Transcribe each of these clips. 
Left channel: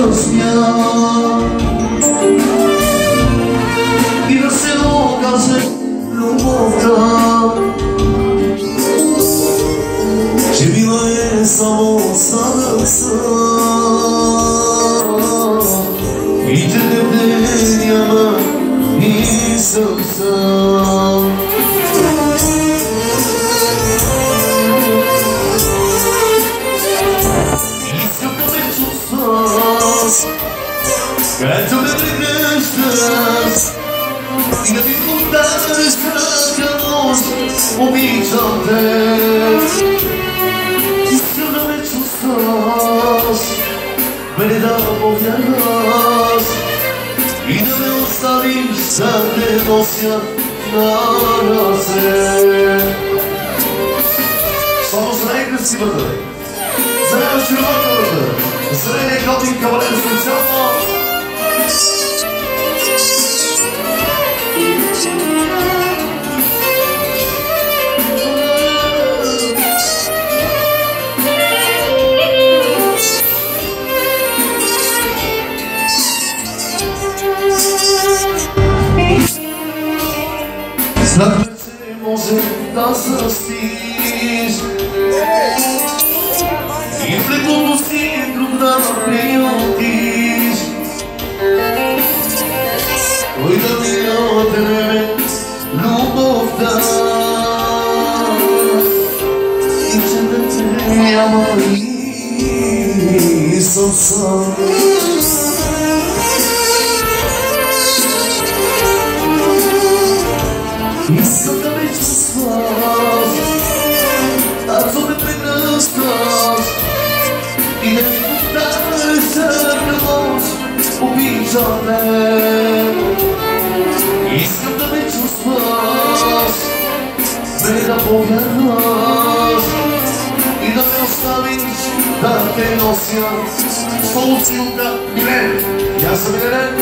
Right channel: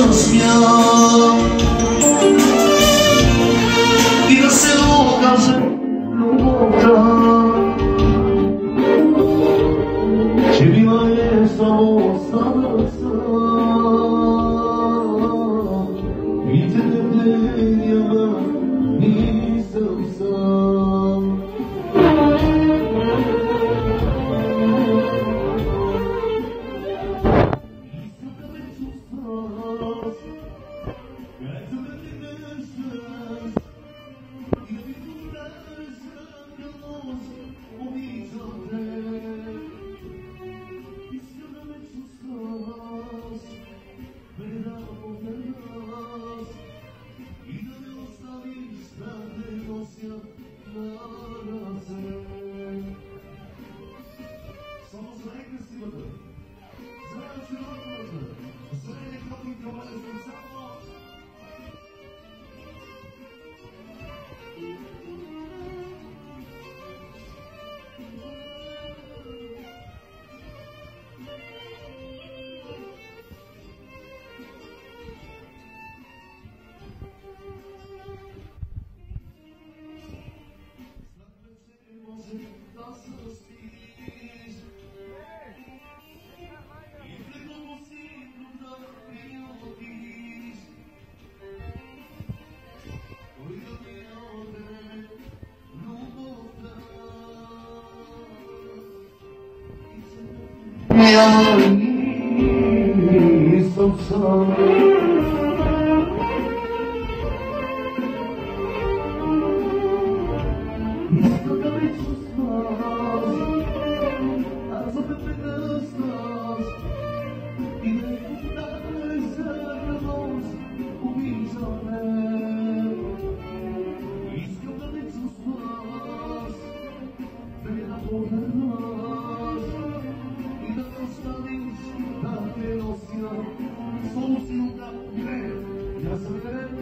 засмя и да се оказа любовта, че била е само сладъца и че не няма и съм сам. Искам да ме чувстваш, като ме прегръщаш и да ми подаваш крака нощ, обичам те. Искам да ме чувстваш, мене да повярваш и да ме оставиш, да те нося на ръце. Само за най-красивата, за най-очарователната, за най-готин кавалер специално. Зад ръце може да застиш и в лекото си друг да приютиш. Той да ти отреме любовта и че да те няма и съм сам. Искам да ме чувстваш, ако ме прегръщаш и да ми подаваш всяка нощ, обичам те. Искам да ме чувстваш, мене да повярваш и да ме оставиш, да те нося. Солцилка Милен, и аз съм Милен.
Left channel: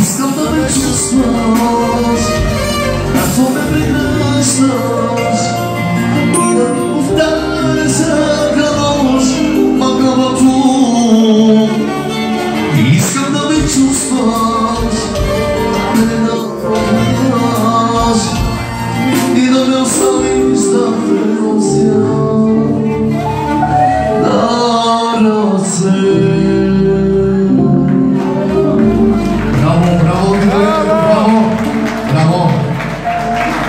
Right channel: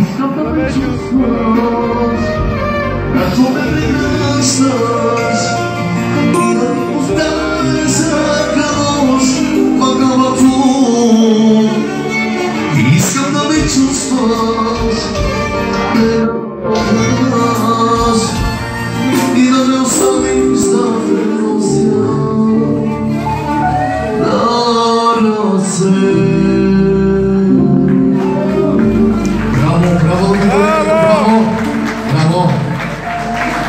Искам да ме чувстваш, ако ме прегръщаш и да ми повтаряш всяка нощ мъгълното. Искам да ме чувстваш, ме напомняш и да ме оставиш, да те нося на ръце.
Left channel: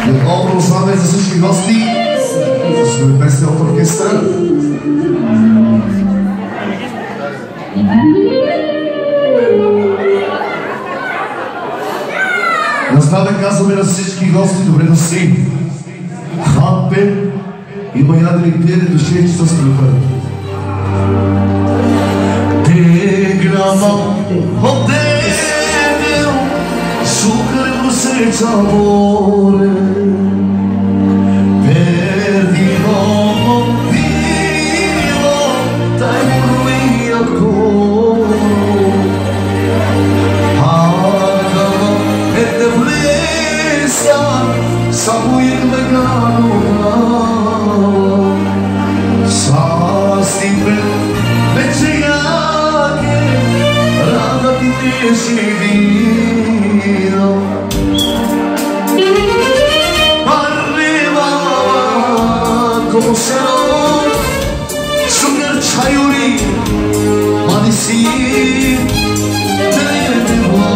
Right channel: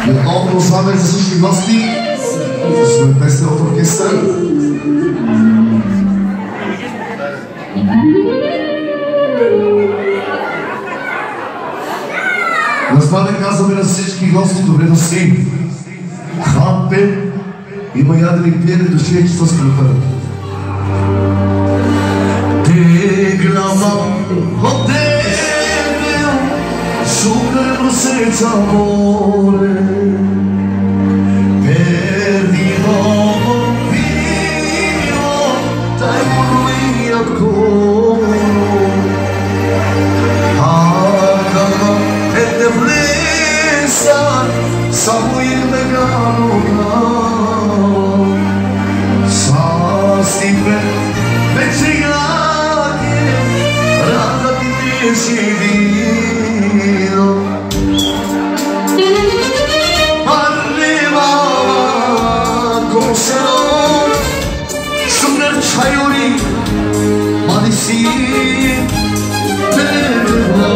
Отново продължаваме за всички гости с местния оркестър. На здраве казваме на всички гости, добре дошли. Хапе има ядрени пиени души с страха. Теглама отделил, шукаре просеча море. Само им да кануна Састипе вече яке рада ти беше видно Arriva Gosero Sugar Chayuri Madisi Deva